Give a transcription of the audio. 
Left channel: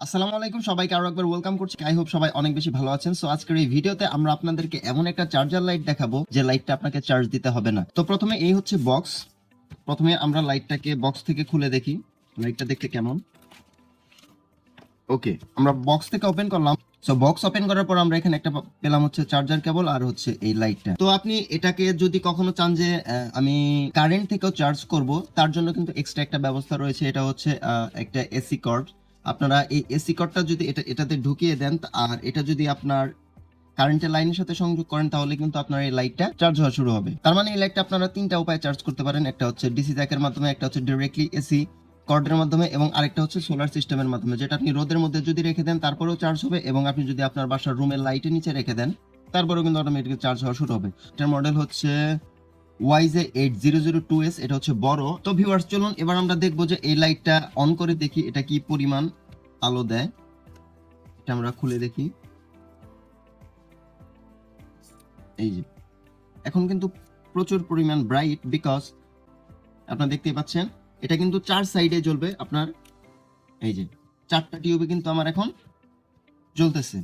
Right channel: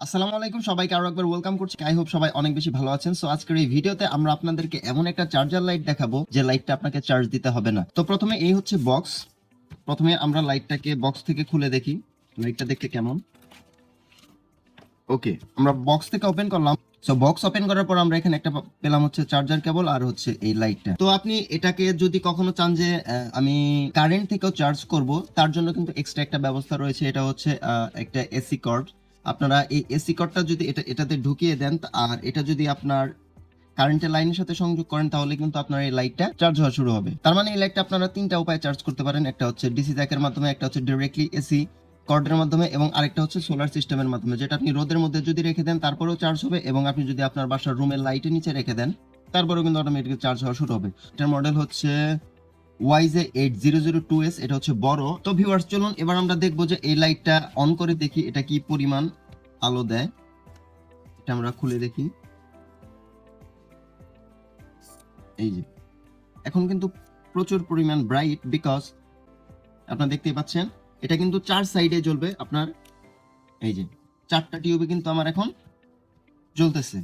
আসসালামু আলাইকুম, সবাইকে আরো একবার ওয়েলকাম করছি। আই হোপ সবাই অনেক বেশি ভালো আছেন। সো আজকের এই ভিডিওতে আমরা আপনাদেরকে এমন একটা চার্জার লাইট দেখাবো যে লাইটটা আপনাকে চার্জ দিতে হবে না। তো প্রথমে এই হচ্ছে বক্স। প্রথমে আমরা লাইটটাকে বক্স থেকে খুলে দেখি লাইটটা দেখতে কেমন। ওকে, আমরা বক্স থেকে ওপেন করলাম। সো বক্স ওপেন করার পর আমরা এখানে একটা পেলাম হচ্ছে চার্জার কেবল আর হচ্ছে এই লাইটটা। তো আপনি এটাকে যদি কখনো চান যে আমি কারেন্ট থেকেও চার্জ করব, তার জন্য কিন্তু এক্সট্রা একটা ব্যবস্থা রয়েছে। এটা হচ্ছে একটা এসি কর্ড। আপনারা এই এসি কর্ডটা যদি এটাতে ঢুকিয়ে দেন আর এটা যদি আপনার কারেন্টের লাইনের সাথে সংযোগ করেন, তাহলে কিন্তু আপনার এই লাইটটা চার্জ হওয়া শুরু হবে। তার মানে এই লাইটটা আপনারা তিনটা উপায়ে চার্জ করতে পারেন। একটা হচ্ছে ডিসি জ্যাকের মাধ্যমে, একটা হচ্ছে ডাইরেক্টলি এসি কর্ডের মাধ্যমে, এবং আরেকটা হচ্ছে সোলার সিস্টেমের মাধ্যমে, যেটা আপনি রোদের মধ্যে যদি রেখে দেন তারপরেও চার্জ হবে, এবং আপনি যদি আপনার বাসার রুমের লাইটের নিচে রেখে দেন তারপরেও কিন্তু অটোমেটিক্যালি চার্জ হওয়া শুরু হবে। এটার মডেল হচ্ছে YJ8002S। এটা হচ্ছে বড়। তো ভিউয়ার্স, চলুন এবার আমরা দেখবো যে এই লাইটটা অন করে দেখি এটা কি পরিমাণ আলো দেয়। এটা আমরা খুলে দেখি। এই যে এখন কিন্তু প্রচুর পরিমাণ ব্রাইট, বিকজ আপনারা দেখতেই পাচ্ছেন এটা কিন্তু চার সাইডে জ্বলবে। আপনার এই যে চারটা টিউবে কিন্তু আমার এখন জ্বলতেছে।